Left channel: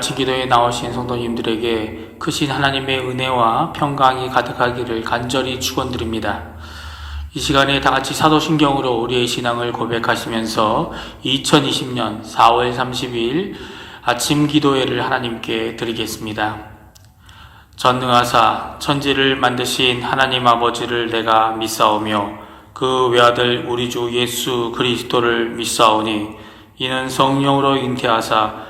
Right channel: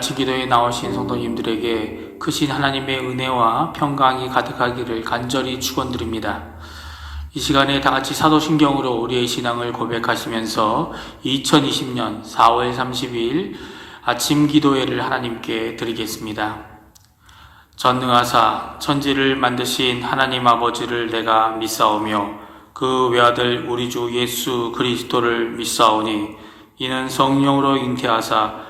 아침 기도에 나오신 성도님들에게 크신 하나님의 은혜와 평강이 가득하기를 간절히 축원드립니다. 이 시간에 다 같이 사도신경으로 우리의 신앙을 고백하시면서 2020년 4월 30일 아침 기도회를 하나님께 드리겠습니다. 전능하사 천지를 만드신 하나님 아버지를 내가 믿사오며 그 외아들 우리 주 예수 그리스도를 믿사오니 이는 성령으로 잉태하사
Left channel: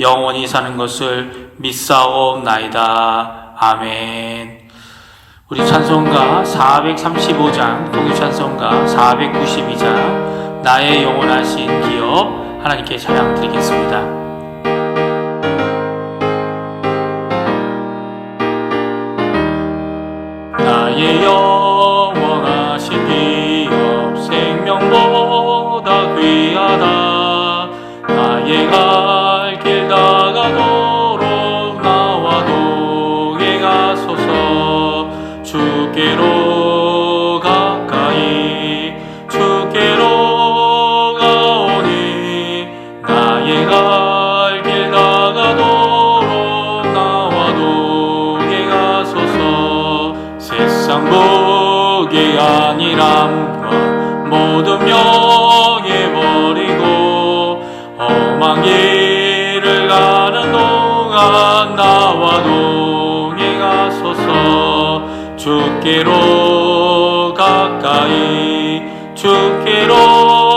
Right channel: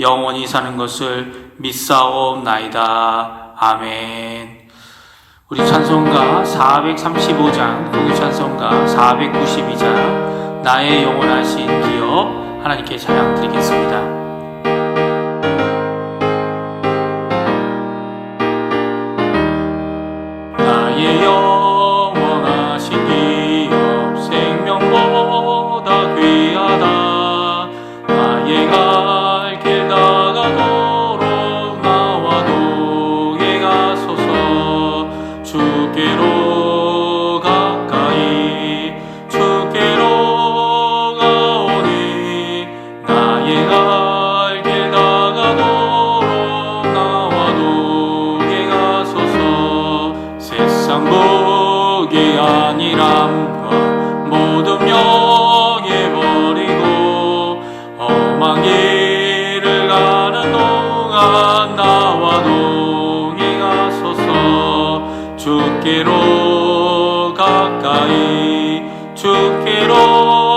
영원히 사는 것을 믿사옵나이다. 아멘. 우리 찬송가 435장, 동찬송가 492장, 나의 영원하신 기업 하나님께 찬양 드리겠습니다. 주께로 가까이 주께로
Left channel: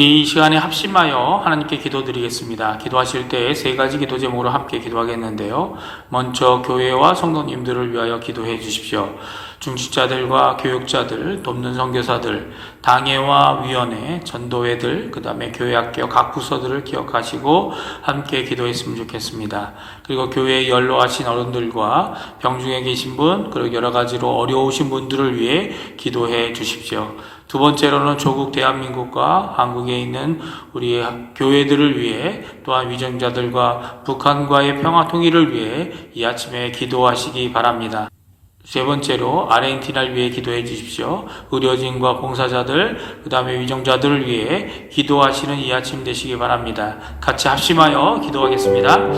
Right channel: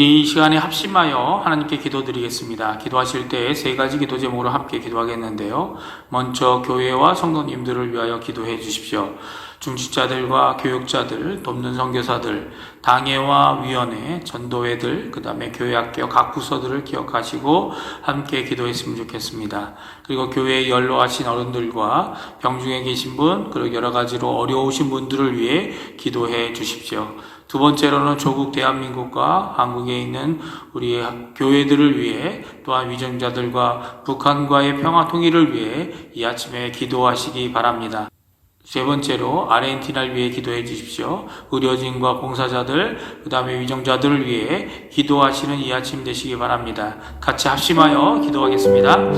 우리 이 시간에 합심하여 하나님께 기도드리겠습니다. 기도하실 때 세 가지 기도 제목으로 함께 기도하겠는데요. 먼저 교회와 성도님들을 위하여 기도해 주십시오. 중직자들과 교육자들, 돕는 선교사들, 당회와 위원회, 전도회들, 그 다음에 교회학교 각 부서들을 기억하시고 함께 기도했으면 좋겠습니다. 그리고 교회에 연로하신 어른들과 병중에 계신 분, 그리고 여러 가지로 어려우신 분들을 위해 기도해 주십시오. 두 번째로는 조국 대한민국과 한국에 있는 우리 교회들을 위해 또한 위정자들과 북한과의 평화 통일을 위해 이 아침에 기도하시기 바랍니다. 세 번째로 아르헨티나를 위해 기도해 주십시오. 의료진과 봉사자들, 그 다음에 위정자들을 위해 기도하시는 이 아침 되시기 바랍니다. 같이 합심하여 기도하겠습니다.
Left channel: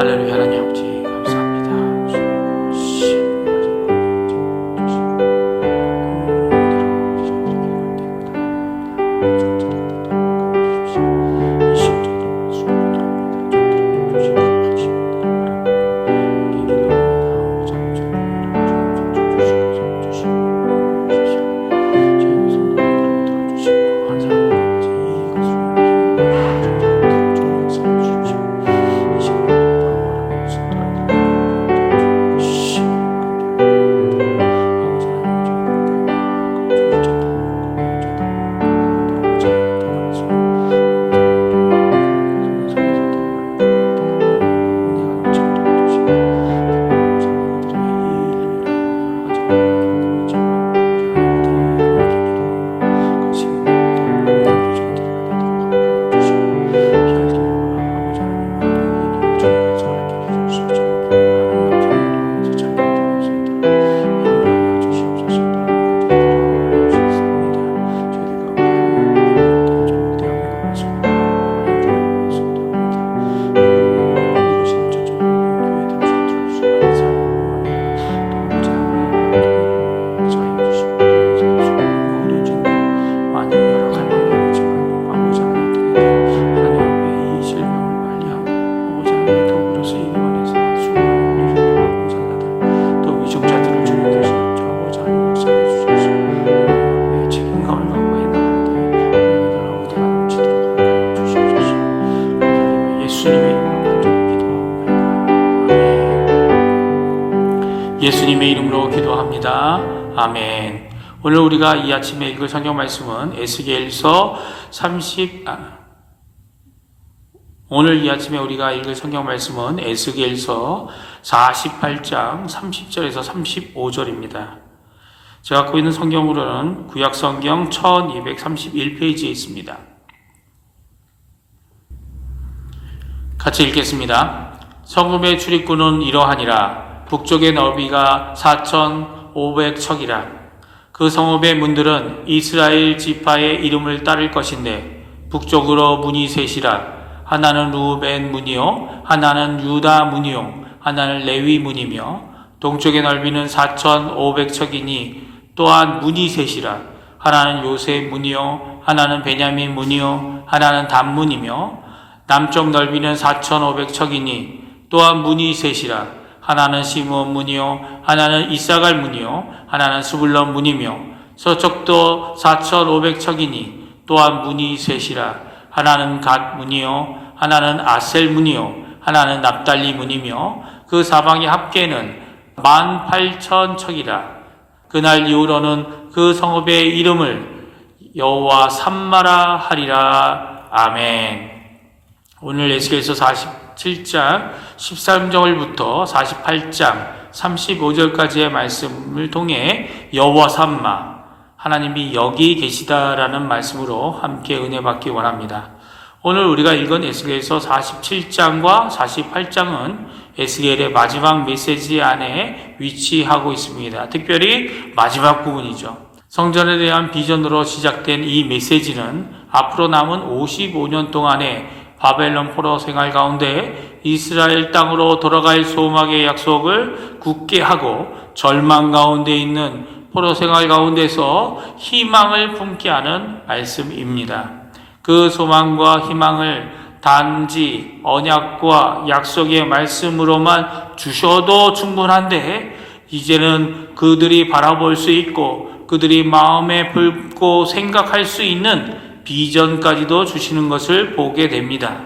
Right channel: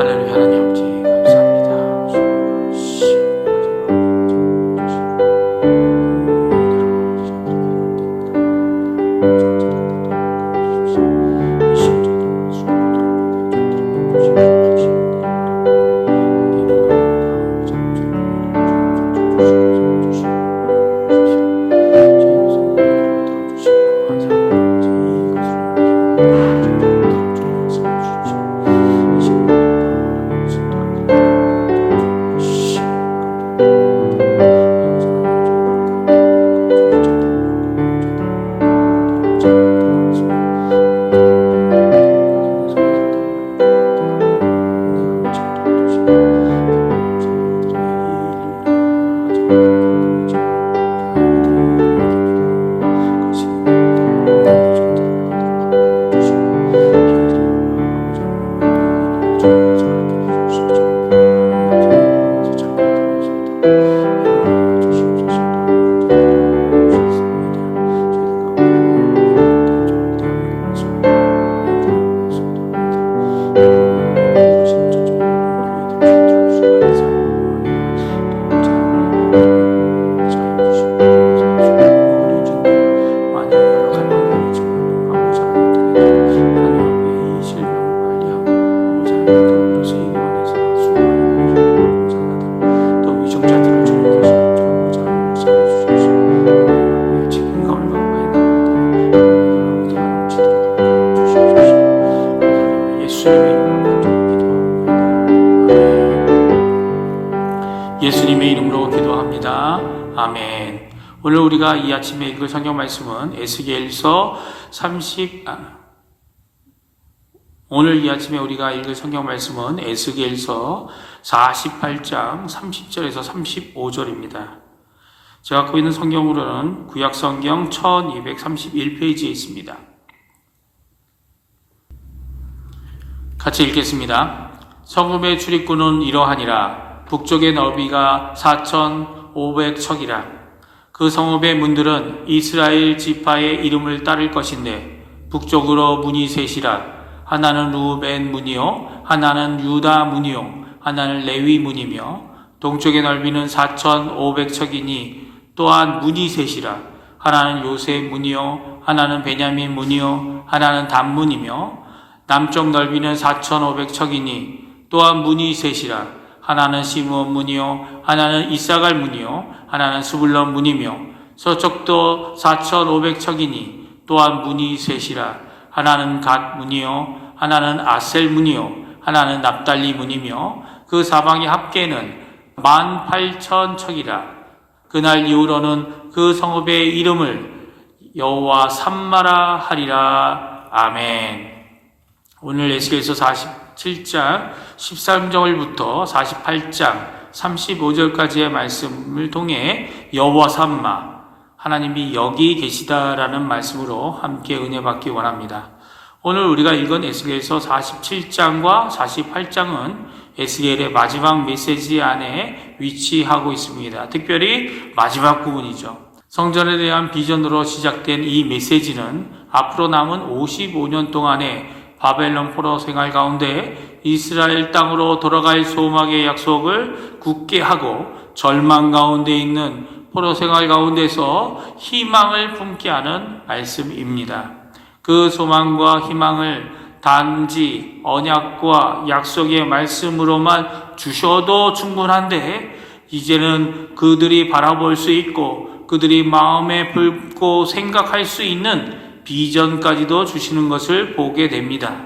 할렐루야 하나님 아버지 기도합니다. 아멘. 오늘 우리가 이 아침에 읽을 성경 말씀은 에스겔서 30 아, 오늘 이 아침에 우리가 읽을 성경 말씀은 에스겔서 48장 30절에서 35절입니다. 제가 갖고 있는 성경으로는 구약 성경 1231페이지에 있습니다. 같이 읽겠습니다. 성읍의 출입구는 이러하니라. 북쪽의 너비가 4,500척이라. 그 성읍의 문들은 이스라엘 지파의 이름을 따를 것인데 북쪽으로 문이 셋이라. 하나는 루벤 문이요, 하나는 유다 문이요, 하나는 레위 문이며 동쪽의 넓이는 4,500척이니 또한 문이 셋이라. 하나는 요셉 문이요, 하나는 베냐민 문이요, 하나는 단 문이며 남쪽 넓이는 4,500척이니 또한 문이 셋이라. 하나는 시므온 문이요, 하나는 이사갈 문이요, 하나는 스불론 문이며 서쪽도 4,500척이니 또한 문이 셋이라. 하나는 갓 문이요, 하나는 아셀 문이요, 하나는 납달리 문이며 그 사방의 합계는 18,000척이라. 그날 이후로는 그 성읍의 이름을 여호와 삼마라 하리라. 아멘. 오늘 에스겔서 47장 13절부터 48장 35절까지의 말씀을 통해 여호와 삼마 하나님이 여기 계시다라는 말씀으로 함께 은혜 받기 원합니다. 오늘 우리가 읽은 에스겔서 47장과 48장은 에스겔의 마지막 메시지 안에 위치하고 있습니다. 특별히 마지막 부분이죠. 성전에 대한 비전으로 시작된 이 메시지는 앞으로 남은 55년 동안의 바벨론 포로 생활 가운데 이스라엘 땅으로 돌아갈 소망의 약속을 굳게 하고 절망 가운데 있는 포로 생활 가운데서 희망을 품게 하는 말씀입니다. 그 소망과 희망을 단지 언약과 약속의 말씀으로만 주셔도 충분한데 이제는 그들이 바라볼 수 있고 그들이 마음에 품고 생각할 수 있는 비전까지도 주시는 것을 보게 됩니다.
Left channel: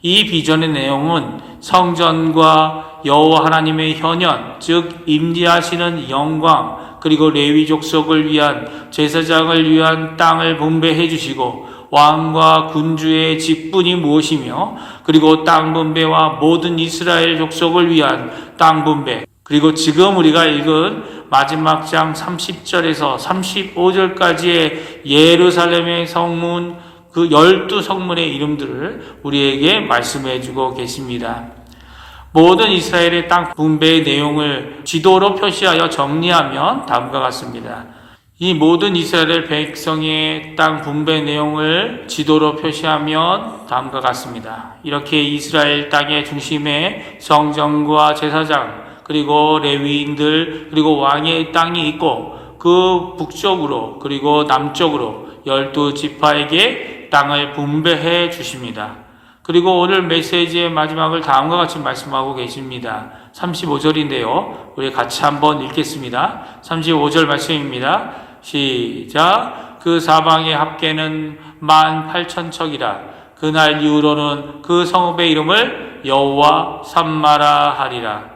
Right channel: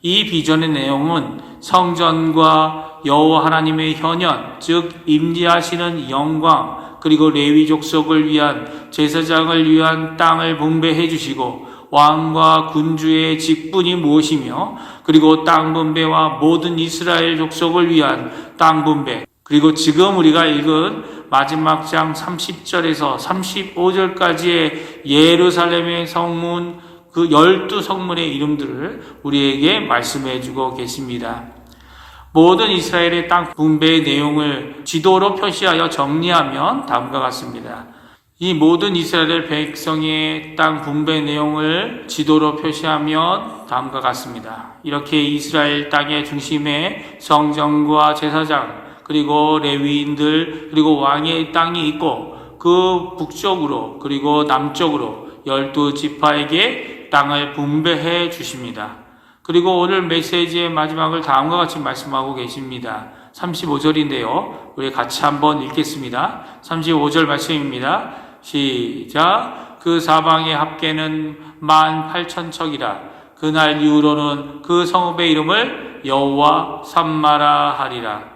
이 비전의 내용은 성전과 여호와 하나님의 현현, 즉 임재하시는 영광, 그리고 레위 족속을 위한 제사장을 위한 땅을 분배해 주시고 왕과 군주의 직분이 무엇이며 그리고 땅 분배와 모든 이스라엘 족속을 위한 땅 분배 그리고 지금 우리가 읽은 마지막 장 30절에서 35절까지의 예루살렘의 성문 그 열두 성문의 이름들을 우리에게 말씀해 주고 계십니다. 모든 이스라엘의 땅 분배의 내용을 지도로 표시하여 정리하면 다음과 같습니다. 이 모든 이스라엘 백성의 땅 분배 내용을 지도로 표시하면 다음과 같습니다. 이렇게 이스라엘 땅의 중심에 성전과 제사장, 그리고 레위인들, 그리고 왕의 땅이 있고 그 북쪽으로 그리고 남쪽으로 열두 지파에게 땅을 분배해 주십니다. 그리고 오늘 메시지의 마지막을 다음과 같이 말씀하고 계십니다. 35절인데요. 우리 같이 한번 읽겠습니다. 35절 말씀입니다. 시작. 그 사방의 합계는 만 팔천 척이라. 그날 이후로는 그 성읍의 이름을 여호와 삼마라 하리라.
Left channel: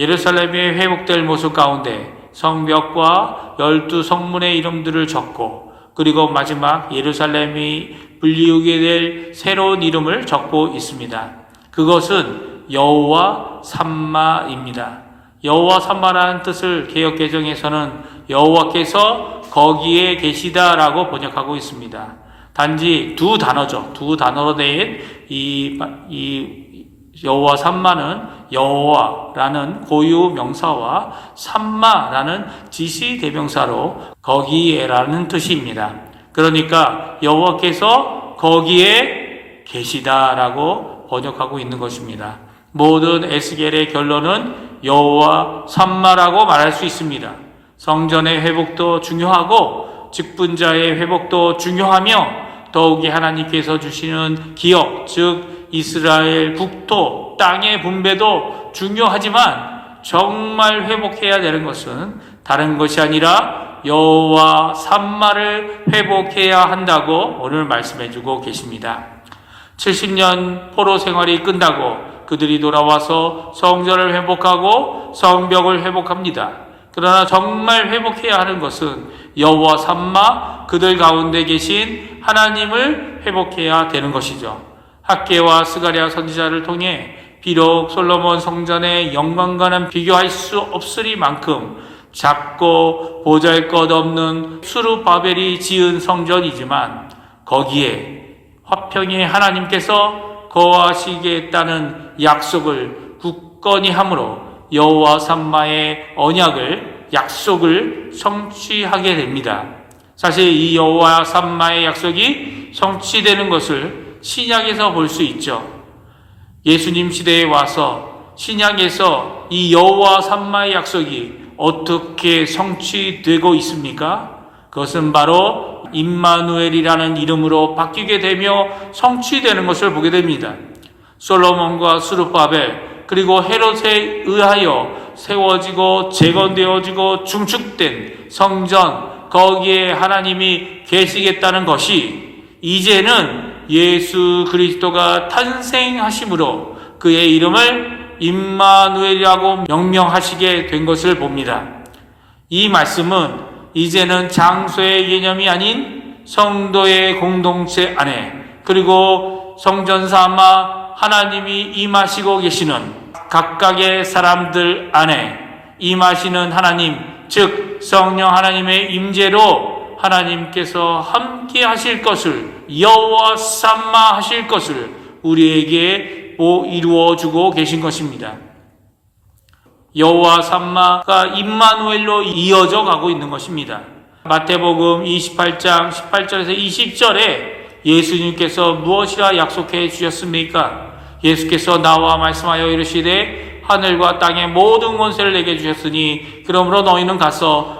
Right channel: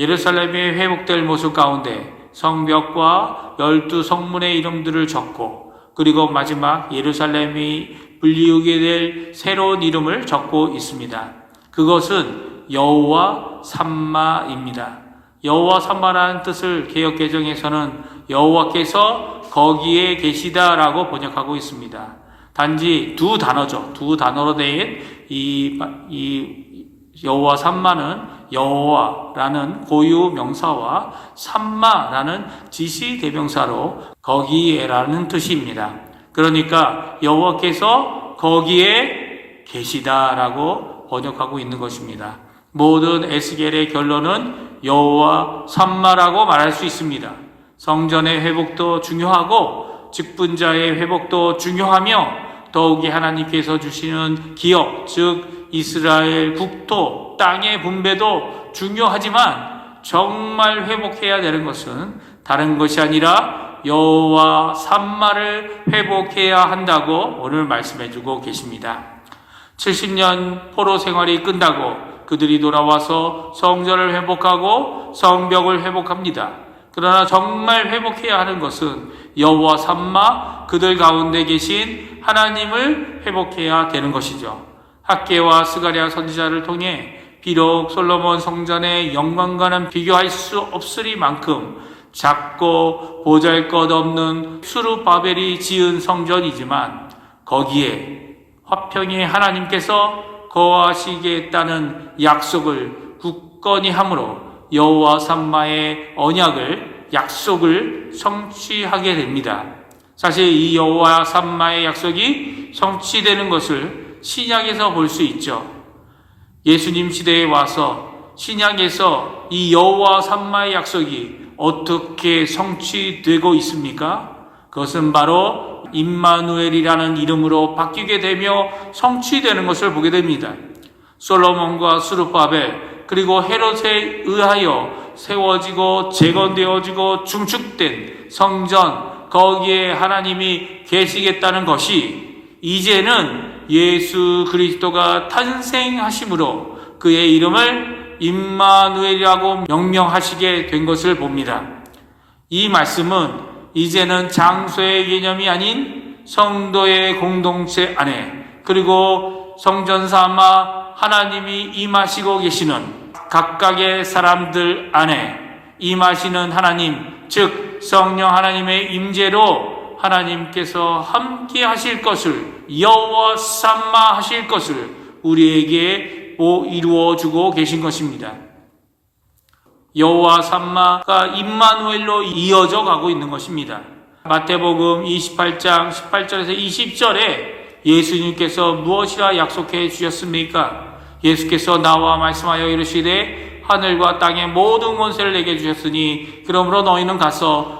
예루살렘이 회복될 모습 가운데 성벽과 열두 성문의 이름들을 적고 그리고 마지막 예루살렘이 불리우게 될 새로운 이름을 적고 있습니다. 그것은 여호와 삼마입니다. 여호와 삼마라는 뜻을 개혁 개정에서는 여호와께서 거기에 계시다라고 번역하고 있습니다. 단지 두 단어죠. 두 단어로 된이이 여호와 삼마는 여호와라는 고유 명사와 삼마라는 지시 대명사로 거기에라는 뜻입니다. 그러니까 여호와께서 거기에 계시다라고 번역하고 있는 것입니다. 모든 에스겔의 결론은 여호와 삼마라고 말할 수 있습니다. 성전의 회복도 중요하고 직분자의 회복도 중요하며 더욱이 하나님께서 주시는 기업, 즉 이스라엘 북토 땅의 분배도 중요하지만 정말 회복해야 되는 것은 다른 것이 아니라 여호와 삼마를 회복해야 한다고 오늘 말씀해 주고 계십니다. 70년 포로 생활이 끝나고 그들이 돌아와서 성전을 회복하고 성벽을 회복합니다. 그러나 정말 회복해야 하는 것은 여호와 삼마 그들 가운데 계신 하나님을 회복해야 되는 것이죠. 학계와 스가랴 선지자를 통해 비록 솔로몬 성전의 영광과는 비교할 수 없으리만큼 작고 보잘것없는 수르바벨이 지은 성전이지만 거기에 화평의 하나님께서 거하시겠다는 약속을 굳건히 함으로 여호와 삼마의 언약을 약속을 성취하게 됩니다. 사실 이 여호와 삼마의 약속이 성취되는 것을 신약에서 볼 수 있죠. 예수님 시대에 와서 신약에서 이 여호와 삼마의 약속이 어떻게 성취되고 있습니까? 그것은 바로 임마누엘이라는 이름으로 바뀌게 되며 성취되는 것을 보게 됩니다. 솔로몬과 수르바벨 그리고 헤롯에 의하여 세워지고 재건되어지고 중축된 성전 거기에 하나님이 계시겠다는 것이 이제는 예수 그리스도가 탄생하심으로 그의 이름을 임마누엘이라고 명명하시게 된 것을 봅니다. 이 말씀은 이제는 장소의 개념이 아닌 성도의 공동체 안에 그리고 성전 삼아 하나님이 임하시고 계시는 각각의 사람들 안에 임하시는 하나님 즉 성령 하나님의 임재로 하나님께서 함께 하실 것을 여호와 삼마 하실 것을 우리에게 이루어 주고 계신 것입니다. 여호와 삼마가 임마누엘로 이어져 가고 있는 것입니다. 마태복음 28장 18절에서 20절에 예수님께서 무엇이라 약속해 주셨습니까? 예수께서 나와 말씀하여 이르시되 하늘과 땅의 모든 권세를 내게 주셨으니 그러므로 너희는 가서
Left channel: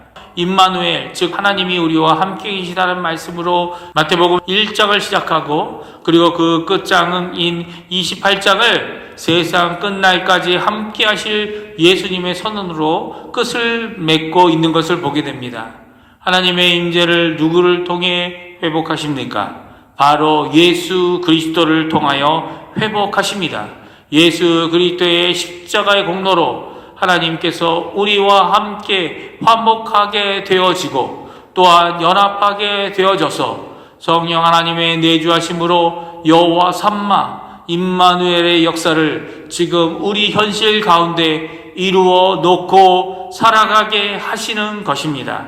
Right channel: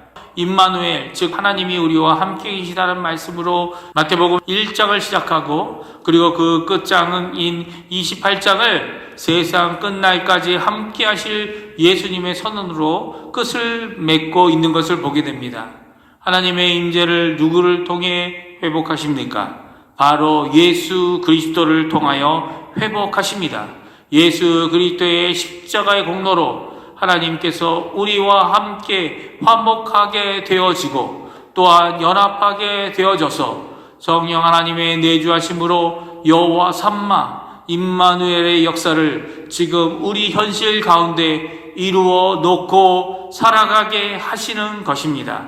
임마누엘 즉 하나님이 우리와 함께 계시다는 말씀으로 마태복음 1장을 시작하고 그리고 그 끝장인 28장을 세상 끝날까지 함께 하실 예수님의 선언으로 끝을 맺고 있는 것을 보게 됩니다. 하나님의 임재를 누구를 통해 회복하십니까? 바로 예수 그리스도를 통하여 회복하십니다. 예수 그리스도의 십자가의 공로로 하나님께서 우리와 함께 화목하게 되어지고 또한 연합하게 되어져서 성령 하나님의 내주하심으로 여호와 삼마 임마누엘의 역사를 지금 우리 현실 가운데 이루어 놓고 살아가게 하시는 것입니다.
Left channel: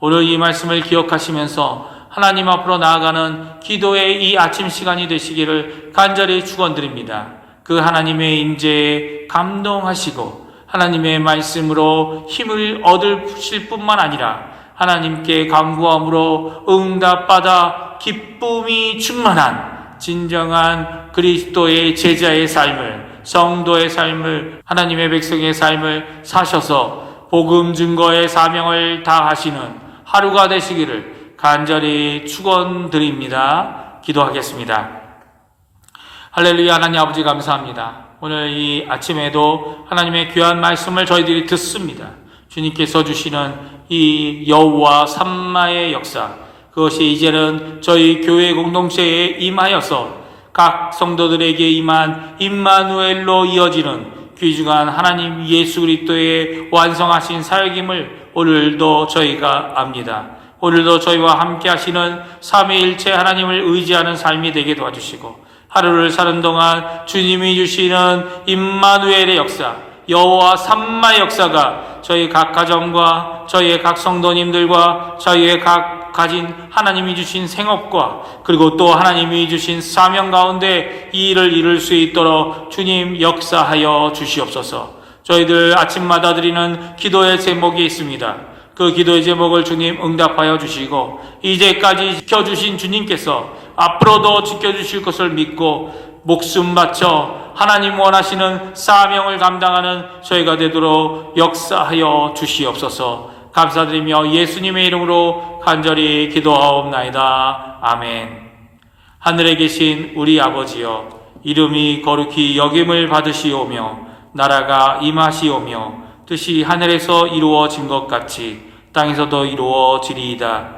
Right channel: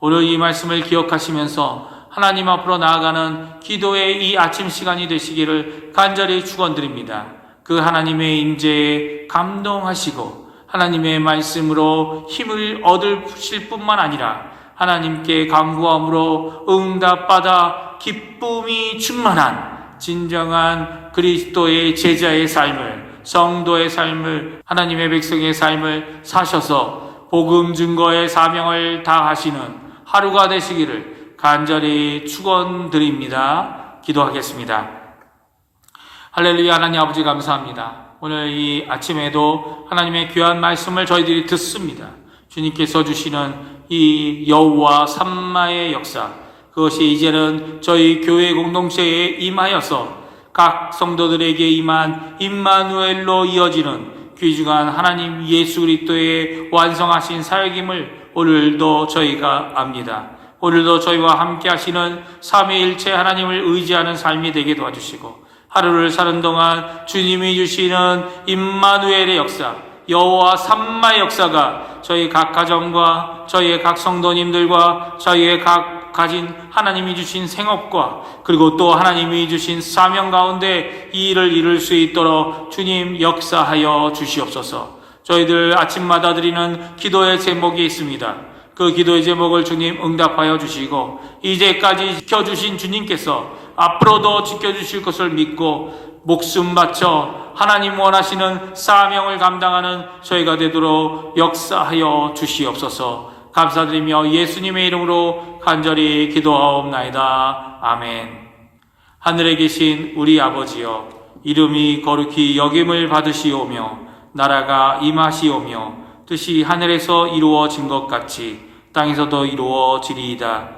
오늘 이 말씀을 기억하시면서 하나님 앞으로 나아가는 기도의 이 아침 시간이 되시기를 간절히 축원드립니다. 그 하나님의 임재에 감동하시고 하나님의 말씀으로 힘을 얻으실 뿐만 아니라 하나님께 간구함으로 응답받아 기쁨이 충만한 진정한 그리스도의 제자의 삶을 성도의 삶을 하나님의 백성의 삶을 사셔서 복음 증거의 사명을 다하시는 하루가 되시기를 간절히 축원드립니다. 기도하겠습니다. 할렐루야 하나님 아버지 감사합니다. 오늘 이 아침에도 하나님의 귀한 말씀을 저희들이 듣습니다. 주님께서 주시는 이 여우와 삼마의 역사 그것이 이제는 저희 교회 공동체에 임하여서 각 성도들에게 임한 임마누엘로 이어지는 귀중한 하나님 예수 그리스도의 완성하신 사역임을 오늘도 저희가 압니다. 오늘도 저희와 함께 하시는 삼위일체 하나님을 의지하는 삶이 되게 도와주시고 하루를 사는 동안 주님이 주시는 임마누엘의 역사, 여호와 삼마 역사가 저희 각 가정과 저희의 각 성도님들과 저희의 각 가진 하나님이 주신 생업과 그리고 또 하나님이 주신 사명 가운데 이 일을 이룰 수 있도록 주님 역사하여 주시옵소서. 저희들 아침마다 드리는 기도의 제목이 있습니다. 그 기도의 제목을 주님 응답하여 주시고 이제까지 지켜주신 주님께서 앞으로도 지켜주실 것을 믿고 목숨 바쳐 하나님 원하시는 사명을 감당하는 저희가 되도록 역사하여 주시옵소서 감사드리며 예수님의 이름으로 간절히 기도하옵나이다. 아멘. 하늘에 계신 우리 아버지여 이름이 거룩히 여김을 받으시오며 나라가 임하시오며 뜻이 하늘에서 이루어진 것 같이 땅에서도 이루어지리이다